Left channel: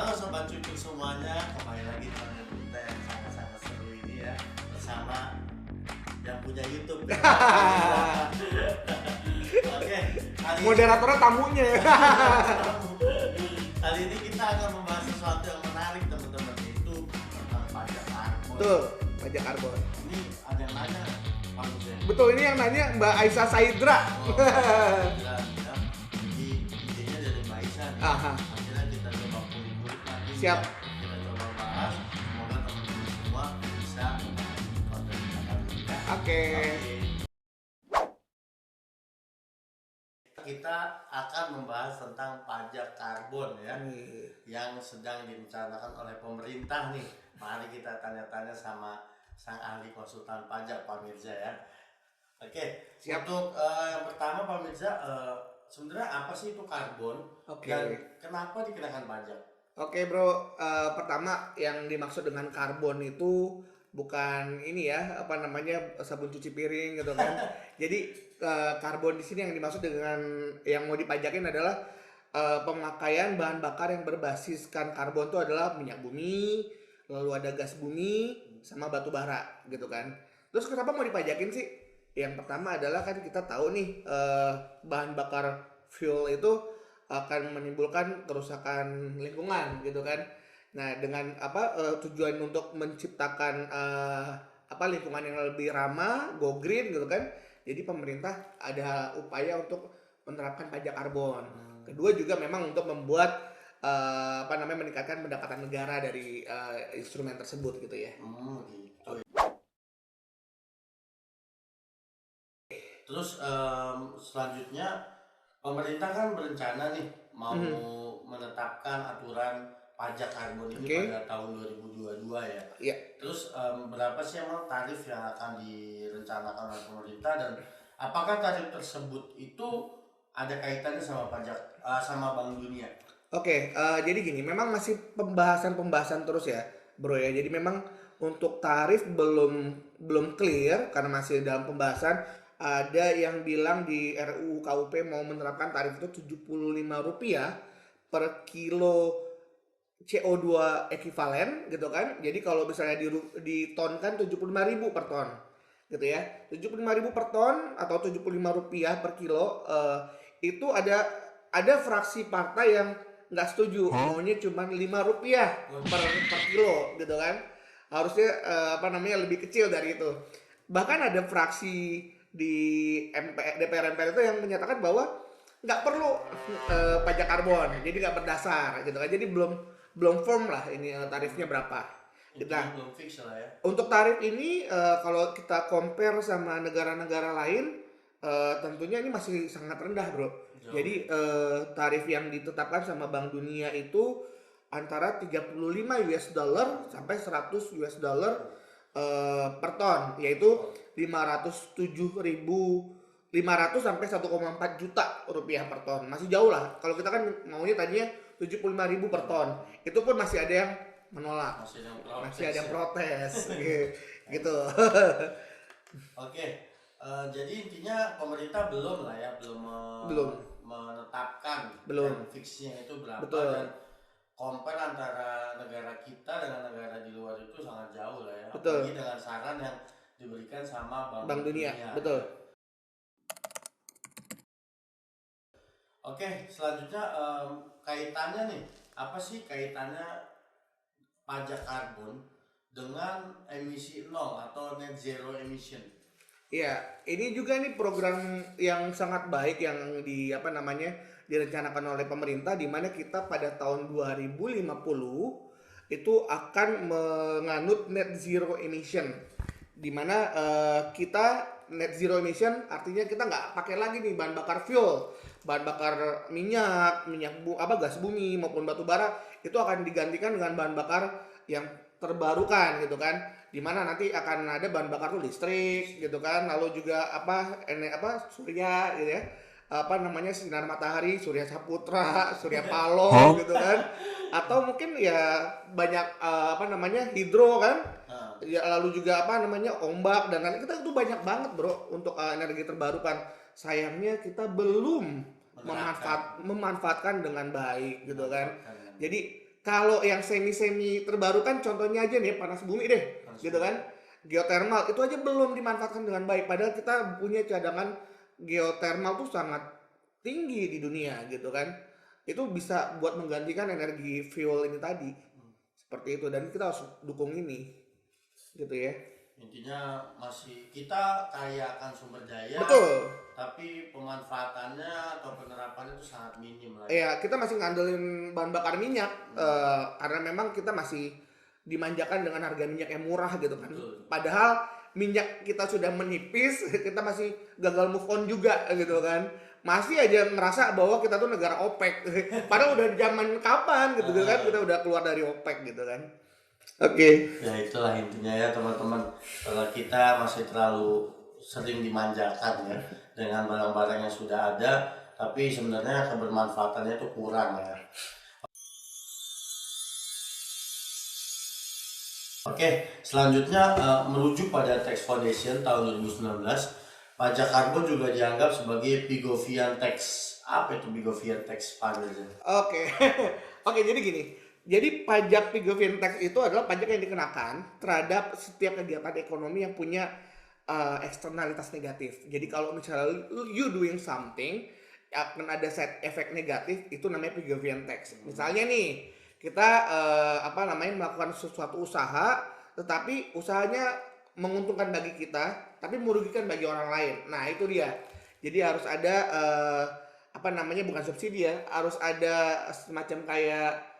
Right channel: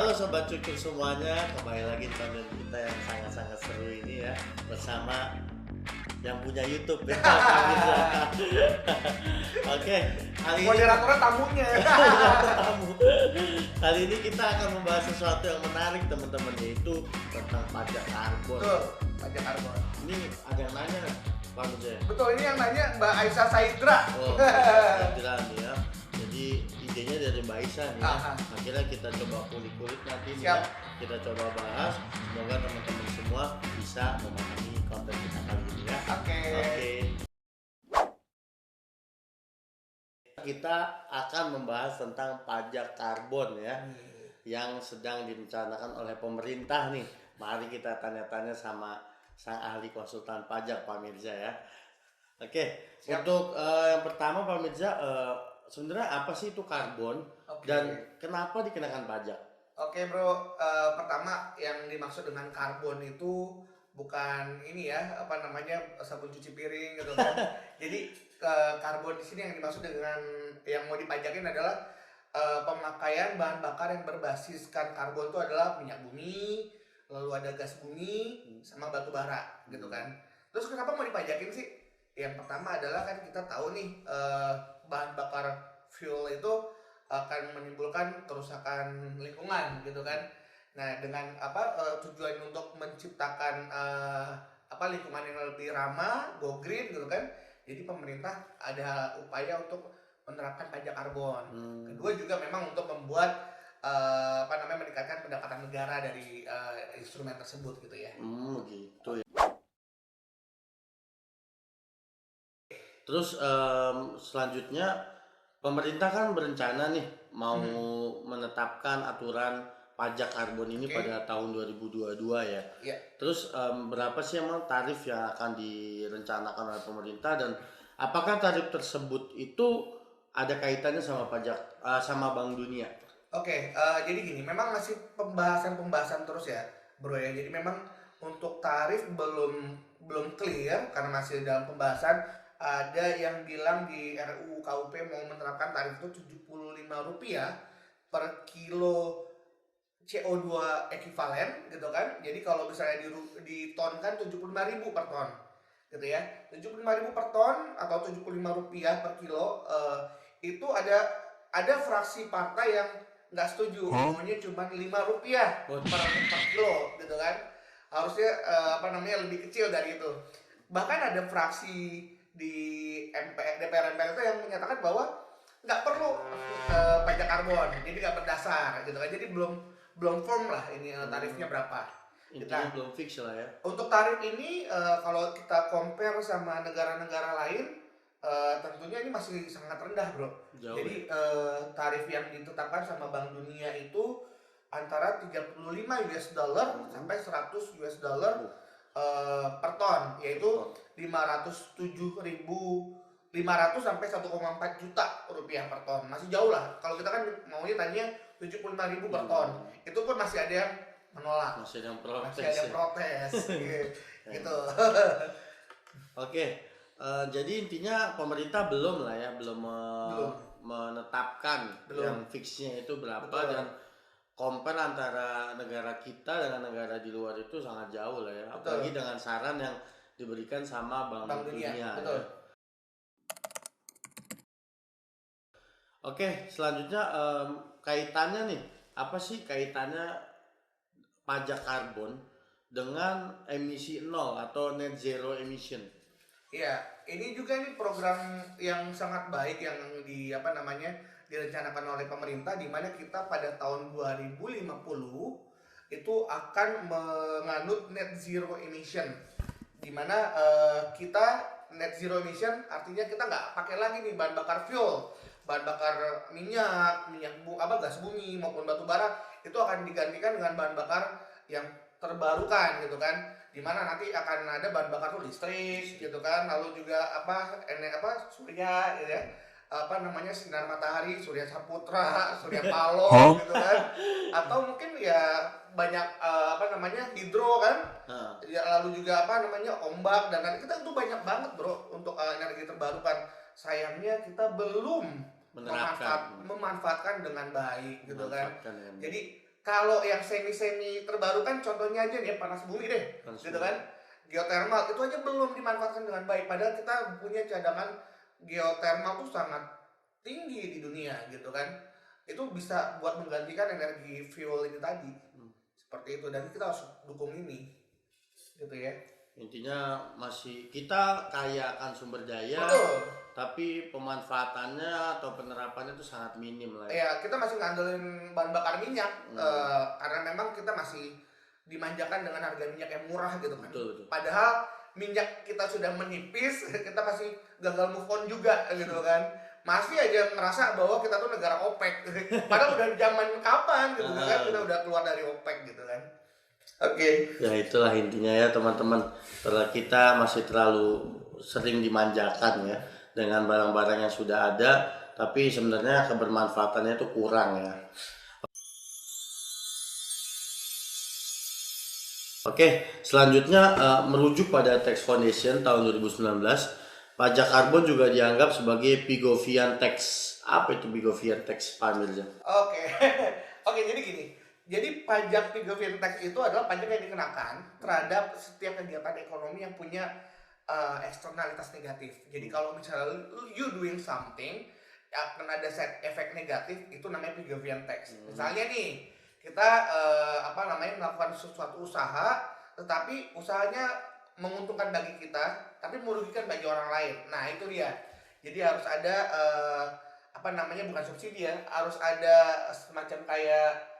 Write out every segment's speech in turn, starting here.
Halo Sobat Cucuk semuanya, kembali lagi di konten kita yang sangat-sangat seru ini ya, bersama yang punya YouTube ya. Oke, kali ini Moderatornya tamunya. kali ini kita akan membahas sesuatu yang menarik teman-teman, yaitu tentang pajak karbon. Betul, pajak karbon. Ini ada yang nanya Pak Nujaya. Betul, ini yang nanya Mbak Aisyah Saidra. Oh, jelas ya. Jadi idenya dari Mbak Aisyah nih. Aha. Akhirnya kita coba kulik-kulik nanti. Siap. Kita coba bahas. Semoga teman-teman semua bisa memahami konten kita kali ini ya. Oke. Kita akan membahas tentang pajak karbon ya, yang sedang direncanakan oleh pemerintah nih. Mari kita tanya-tanya sama sang ahli konsultan pajak Pak Mirza ya. Oke, Siap. untuk yang pertama Pak Mirza, sebenarnya apa sih itu karbon Oke. dan kenapa dikenakan pajak? Oke bro, pertama yang dimaksud dengan karbon itu bukan ini ya, apa namanya, sabun cuci piring gitu kan. Jadi karbon di sini yang dimaksud dengan yang mau dipajakin adalah pemakaian bahan bakar yang berbasiskan karbon itu adalah minyak bumi, lalu ada gas bumi, sama batu bara gitu kan. Terus kenapa mau dipajakin sih? Yang pertama adalah kan kita tahu nih bahan bakar fuel itu akan menimbulkan kerusakan lingkungan gitu kan. Nah dengan tujuan untuk menciptakan lingkungan yang lebih ramah, go green gitu kan. Jadi pemerintah ada upaya untuk menerapkan pajak karbon. Kedua juga memang untuk membuat meningkatkan pendapatan negara dari instrumen tersebut gitu ya. Gitu. Terus selanjutnya pemerintah kan berencana nih mau menetapkan aturan pajak karbon ini pada tahun 2022 ya. Iya. Terus berapa sih emang tarif yang akan direncanakan oleh pemerintah, dan apakah tarif tersebut itu ada kaitannya sama pajak sama Bank Dunia? Oke, jadi gini, memang masih pembahasan terus ya, bro ya. Jadi memang untuk tarif belum clear karena masih dalam pembahasan. Ada yang bilang di RUU KUP mau menerapkan tarif itu Rp75 per kilo CO2 ekuivalen gitu kan. Jadi kalau misalnya ditonkan 75.000 per ton gitu ya. 75.000 per ton atau Rp75 per kilo, itu ada fraksi partai yang nggak setuju, maunya cuma Rp5 per kilo gitu kan. Harusnya lebih kecil dari itu. Bahkan ada fraksi di DPR MPR itu yang menyatakan bahwa nggak perlu pajak karbon, jadi nggak berdasar gitu kan. Jadi belum firm lah ini tarifnya berapa. Kita belum fix lah ya. Untuk tarif ini kalau kita compare sama negara-negara lain, tentunya ini masih sangat rendah bro. Jauh. Jadi tarif yang ditetapkan sama Bank Dunia itu antara $35 sampai $100 per ton, yaitu 507.500 sampai 1,4 juta rupiah per ton. Masih jauh lah. Kalau kita kan maunya tadinya 75.000 per ton. Itu pun masih ada yang menolak. Masih Masih ada yang protes gitu. Oke. Jadi intinya pemerintah belum lah ya, belum menetapkan yang fixnya itu berapa. Betul. Dan compare antara negara kita dengan negara di luar itu sangat jauh lah ya. Betul. Apalagi dengan saran yang diberikan sama Bank Dunia. Dunia. Betul. Oke, selanjutnya kaitannya nih, apa sih kaitannya pajak karbon dengan emisi nol atau net zero emission? Iya, ini juga nih program yang sangat baik yang direncanakan oleh pemerintah, di mana kita pada tahun 2050 itu akan menganut net zero emission, di mana kita net zero emission artinya kita nggak pakai lagi nih bahan bakar fuel, bahan bakar gas bumi maupun batu bara. Itu akan digantikan dengan bahan bakar yang terbarukan gitu kan, dimana nanti akan ada bahan bakar tuh listrik gitu kan, lalu juga surya gitu ya, sinar matahari, surya saputra, surya paloh gitu kan, atau mungkin ya banyak hidro kan, ya, lalu juga ombak, dan kita tuh banyak banget bro untuk energi terbarukan. Sayangnya kita belum memanfaatkan dengan baik gitu kan. Jadi kalau yang semi terbarukan contohnya aja nih panas bumi deh, Panas gitu bumi. kan. Geothermal itu aja belum dimanfaatkan dengan baik, padahal kita punya cadangan geothermal tuh sangat tinggi di dunia gitu kan. Itu bisa buat menggantikan energi fuel ini tadi. Seperti itu, dan kita harus dukung ini. Gitu ya. Intinya masih kita kaya akan sumber daya, Betul. tapi pemanfaatannya atau penerapannya itu sangat minim lah. Ya, kita masih ngandelin bahan bakar minyak karena memang kita masih dimanjakan dengan harga minyak yang murah gitu kan. Betul. Padahal minyak kita sudah menipis, kita masih gagal move on juga gitu kan. Masih aja ngerasa bahwa kita tuh negara OPEC. Padahal udah zaman kapan gitu kan, kita udah keluar dari OPEC gitu kan. Oke. Ya itulah intinya ya teman-teman. Kalau kita masih terlalu sering dimanjakan ya dengan barang-barang yang sudah ada, tapi sebenarnya kebermanfaatannya itu kurang ya. Oke, selanjutnya merujuk pada Tax Foundation tahun 2019, pajak karbon juga dianggap sebagai Pigovian Tax. Apa itu Pigovian Tax, Pak Mirza? Oke. Oke, jadi gini. Jadi pajak Pigovian Tax itu adalah pajak yang dikenakan terhadap setiap kegiatan ekonomi yang punya eksternalitas negatif. Jadi kalau misalnya you doing something akan ada side effect negatif, itu namanya Pigovian Tax. Misalnya nih, kita melakukan sesuatu usaha, tetapi usahanya menguntungkan bagi kita, tapi merugikan bagi orang lain. Nah itu dia. Jadi harus ada bukan subsidi ya, harus ada semacam kayak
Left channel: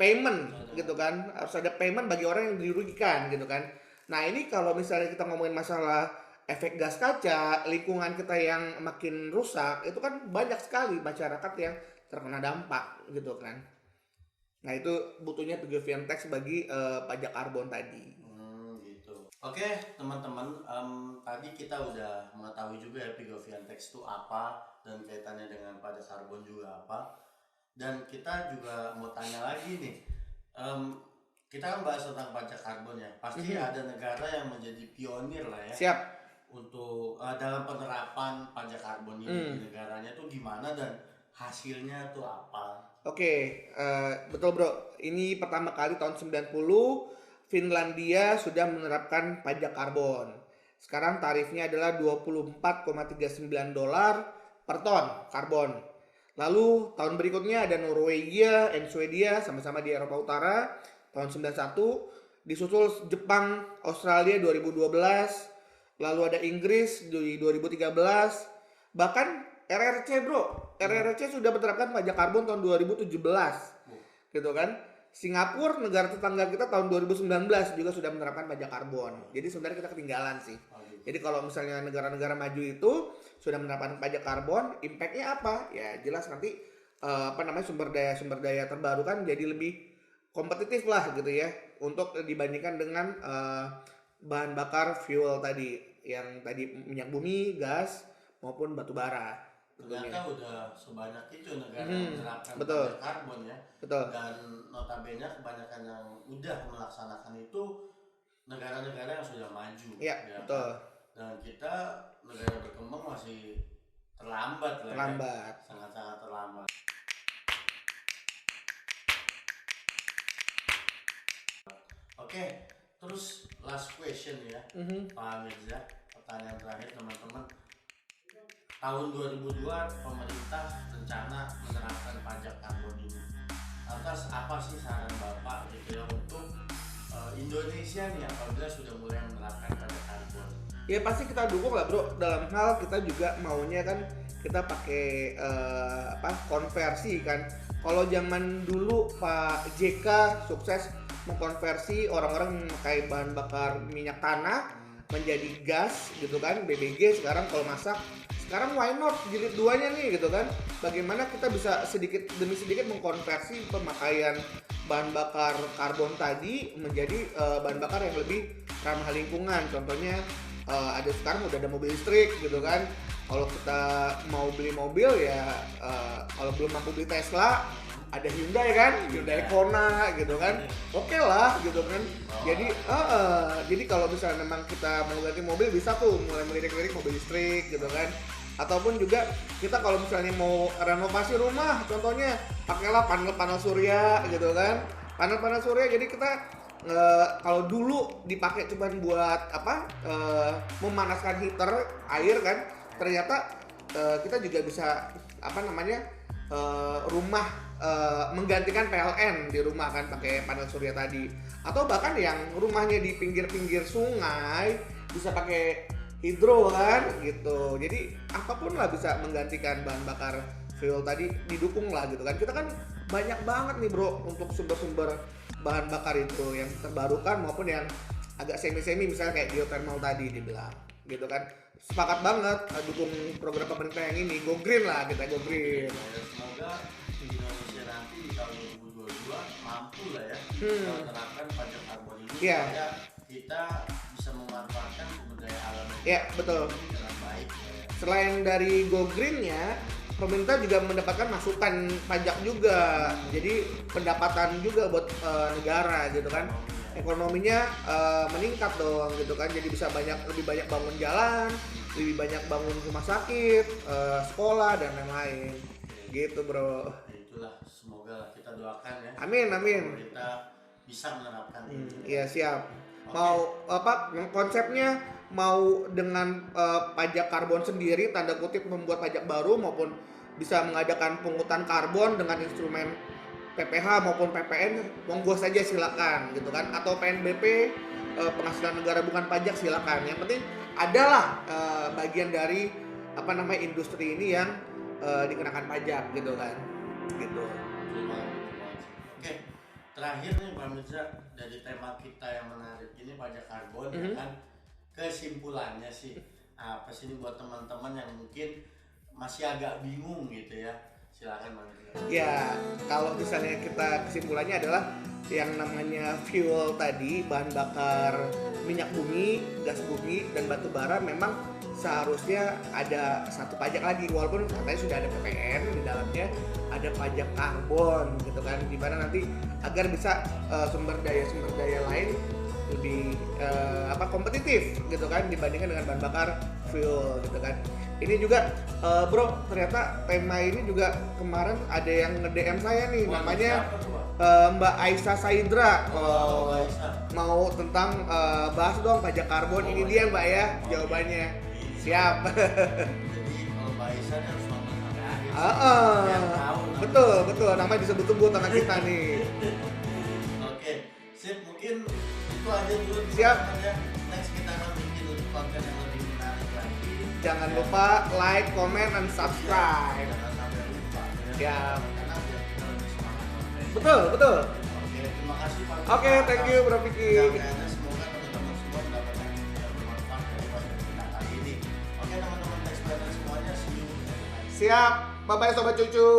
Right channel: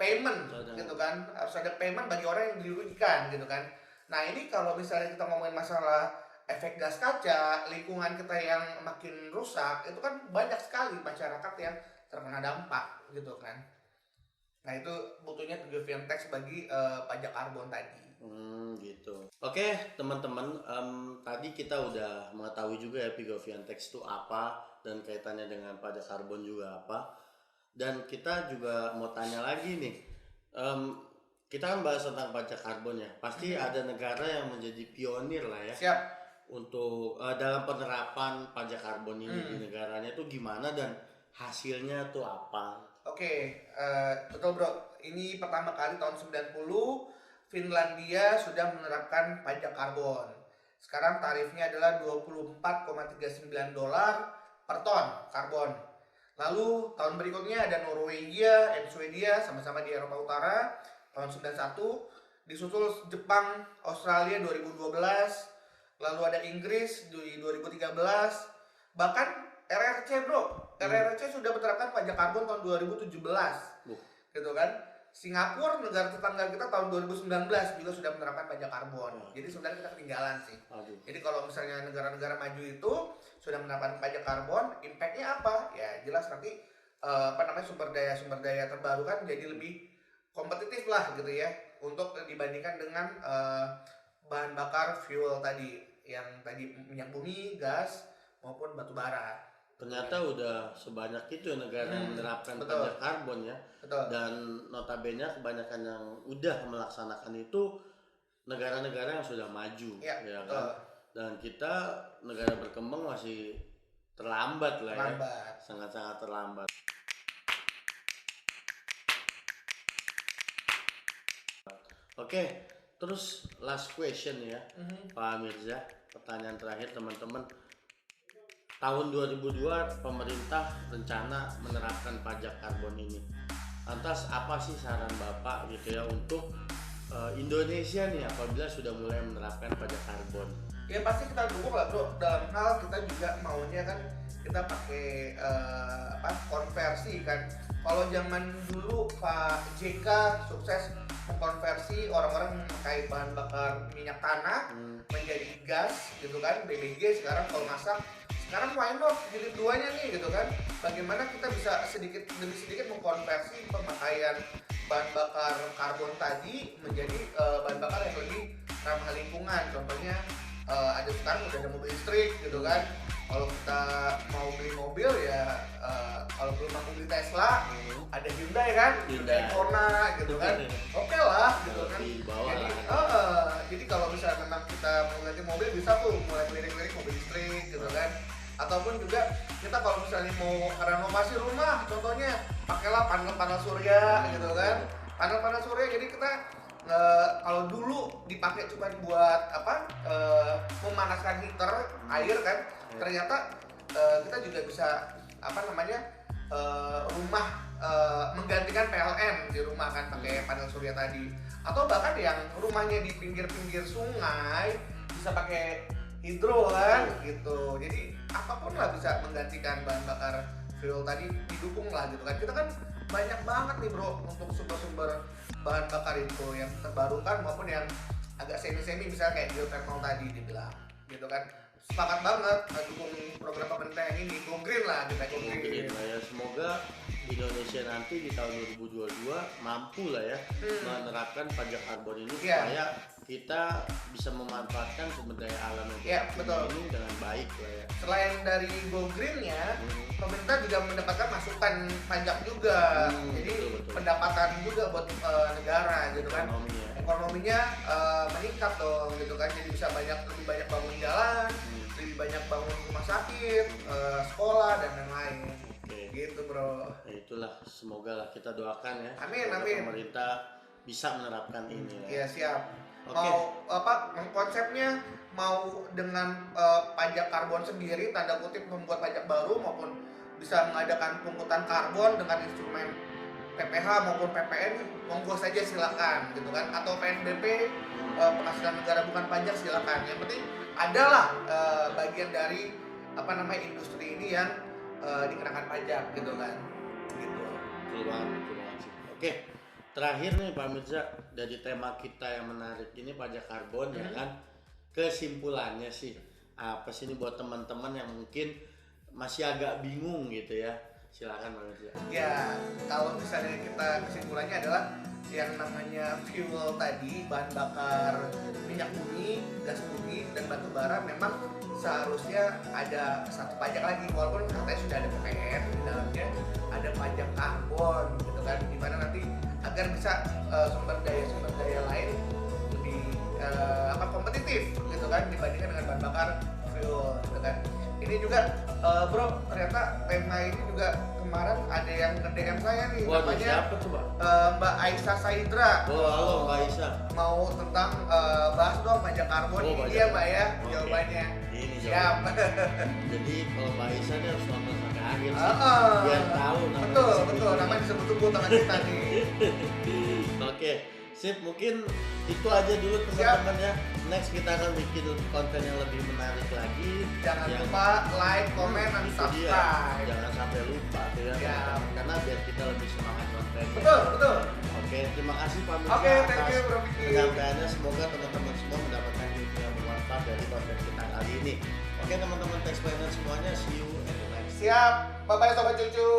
payment gitu kan, harus ada payment bagi orang yang dirugikan gitu kan. Nah ini kalau misalnya kita ngomongin masalah efek gas kaca, lingkungan kita yang makin rusak, itu kan banyak sekali masyarakat yang terkena dampak gitu kan. Nah itu butuhnya Pigovian Tax bagi pajak karbon tadi. Gitu. Oke teman-teman, tadi kita udah mengetahui juga ya Pigovian Tax itu apa dan kaitannya dengan pajak karbon juga apa. Dan kita juga mau tanya lagi nih, kita kan bahas tentang pajak karbon ya. Pasti ada negara yang menjadi pionir lah ya. Siap. Untuk dalam penerapan pajak karbon ini di negaranya tuh gimana dan hasilnya tuh apa? Oke, betul bro. Ini pertama kali tahun 90 Finlandia sudah menerapkan pajak karbon. Sekarang tarifnya adalah $24,39 per ton karbon. Lalu tahun berikutnya ada Norwegia dan Swedia, sama-sama di Eropa Utara, tahun 91. Disusul Jepang, Australia 2012. Lalu ada Inggris di 2013. Bahkan RRC bro, RRC sudah menerapkan pajak karbon tahun 2017. Gitu kan. Singapura, negara tetangga kita, tahun 2019 juga sudah menerapkan pajak karbon. Jadi sebenarnya kita ketinggalan sih. Jadi kalau misalnya negara-negara maju itu sudah menerapkan pajak karbon, impact-nya apa? Ya jelas nanti sumber daya terbarukan jadi lebih kompetitif lah gitu ya, untuk dibandingkan dengan bahan bakar fuel tadi, yang tadi minyak bumi, gas maupun batu bara. Ternyata udah sebanyak itu negara yang menerapkan betul. pajak karbon ya. Betul. Dan notabene kebanyakan yang udah melaksanakan itu negara-negara yang sudah maju. Ya, ya betul. Kan? Dan kita negara berkembang masih terlambat lah. Terlambat. Ya. Sangat-sangat terlambat. Oke, terus last question ya, Pak Mirza. Pertanyaan terakhir teman-teman. Tahun 2002 pemerintah rencana menerapkan pajak karbon ini. Lantas apa sih saran Bapak gitu ya untuk Indonesia nih apabila sudah mulai menerapkan pajak karbon? Ya pasti kita dukung lah bro. Dalam hal kita juga maunya kan kita pakai konversi kan. Kalau zaman dulu Pak JK sukses mengkonversi orang-orang memakai bahan bakar minyak tanah menjadi gas gitu kan, BBG. Sekarang kalau masak, sekarang why not jilid 2-nya nih gitu kan. Bagaimana kita bisa sedikit demi sedikit mengkonversi pemakaian bahan bakar karbon tadi menjadi bahan bakar yang lebih ramah lingkungan. Contohnya ada sekarang udah ada mobil listrik gitu kan. Kalau kita mau beli mobil ya kalau belum mampu beli Tesla, ada Hyundai kan, Hyundai Kona gitu kan, oke lah gitu kan. Jadi kalau misalnya memang kita mau ganti mobil, bisa tuh mulai melirik-lirik mobil listrik gitu kan. Ataupun juga kita kalau misalnya mau renovasi rumah, contohnya pakailah panel-panel surya gitu kan. Panel-panel surya, jadi kita kalau dulu dipakai cuma buat memanaskan heater air kan, ternyata kita juga bisa rumah menggantikan PLN di rumah kan pakai panel surya tadi, atau bahkan yang rumahnya di pinggir-pinggir sungai bisa pakai hidro kan gitu. Jadi apapun lah bisa menggantikan bahan bakar fuel tadi, didukung lah gitu kan. Kita kan banyak banget nih bro untuk sumber-sumber bahan bakar itu yang terbarukan maupun yang agak semi-semi, misalnya kayak geothermal tadi dibilang gitu kan. Sepakat banget dukung program pemerintah yang ini, go green lah, kita go green. Ya, semoga Indonesia nanti di tahun 2022 mampu lah ya menerapkan pajak karbon ini supaya kita bisa memanfaatkan sumber daya alam betul. ini dengan baik ya. Selain dari go green-nya, pemerintah juga mendapatkan masukan pajak juga, jadi pendapatan juga buat negara gitu kan. Ekonominya meningkat dong gitu kan, jadi bisa lebih banyak bangun jalan, lebih banyak bangun rumah sakit, sekolah dan lain-lain gitu bro. Nah, itulah, semoga lah kita doakan ya. Amin. Pemerintah bisa menerapkan ini. Iya siap. Oke. Mau konsepnya mau dengan pajak karbon sendiri, tanda kutip membuat pajak baru, maupun bisa mengadakan pungutan karbon dengan instrumen PPH maupun PPN, monggo saja silakan gitu kan, atau PNBP, penghasilan negara bukan pajak, silakan. Yang penting adalah bagian dari industri ini yang dikenakan pajak gitu kan gitu. Betul banget sih. Oke, terakhir nih Pak Mirza, dari tema kita yang menarik ini pajak karbon ya kan, kesimpulannya sih apa sih ini buat teman-teman yang mungkin masih agak bingung gitu ya, silakan Pak Mirza. Ya, kalau misalnya kita kesimpulannya adalah yang namanya fuel tadi, bahan bakar minyak bumi, gas bumi, dan batu bara memang seharusnya ada satu pajak lagi, walaupun katanya sudah ada PPN di dalamnya, ada pajak karbon gitu kan, di mana nanti agar bisa sumber daya lain lebih kompetitif gitu kan dibandingkan dengan bahan bakar fuel gitu kan. Ini juga bro, ternyata tema ini juga kemarin ada yang nge-DM saya nih. Wah, namanya siapa coba? Mbak Aisyah Saidra. Mbak Aisyah Mau tentang bahas dong pajak karbon. Ini dia Mbak ya jawabannya. Ini Siap. Jadi kalau Mbak Aisyah dia harus nonton sampai akhir sih, biar tahu namanya. Betul, nama disebut-sebut sama kita nih. Oke, sip, mungkin itu aja dulu Siap. teman-teman ya. Next kita akan bikin konten yang lebih menarik lagi. Jangan lupa like, comment, dan subscribe. Jangan sampai lupa ya. Siap. Karena biar kita lebih semangat konten. Betul. Oke, terima kasih Pak. Oke, thank you Bro Vicky. Mudah-mudahan semoga teman-teman semua mendapatkan ilmu yang bermanfaat dari konten kita kali ini. Oke teman-teman, thanks banget semuanya. See you. Siap. Bye-bye sobat cucu.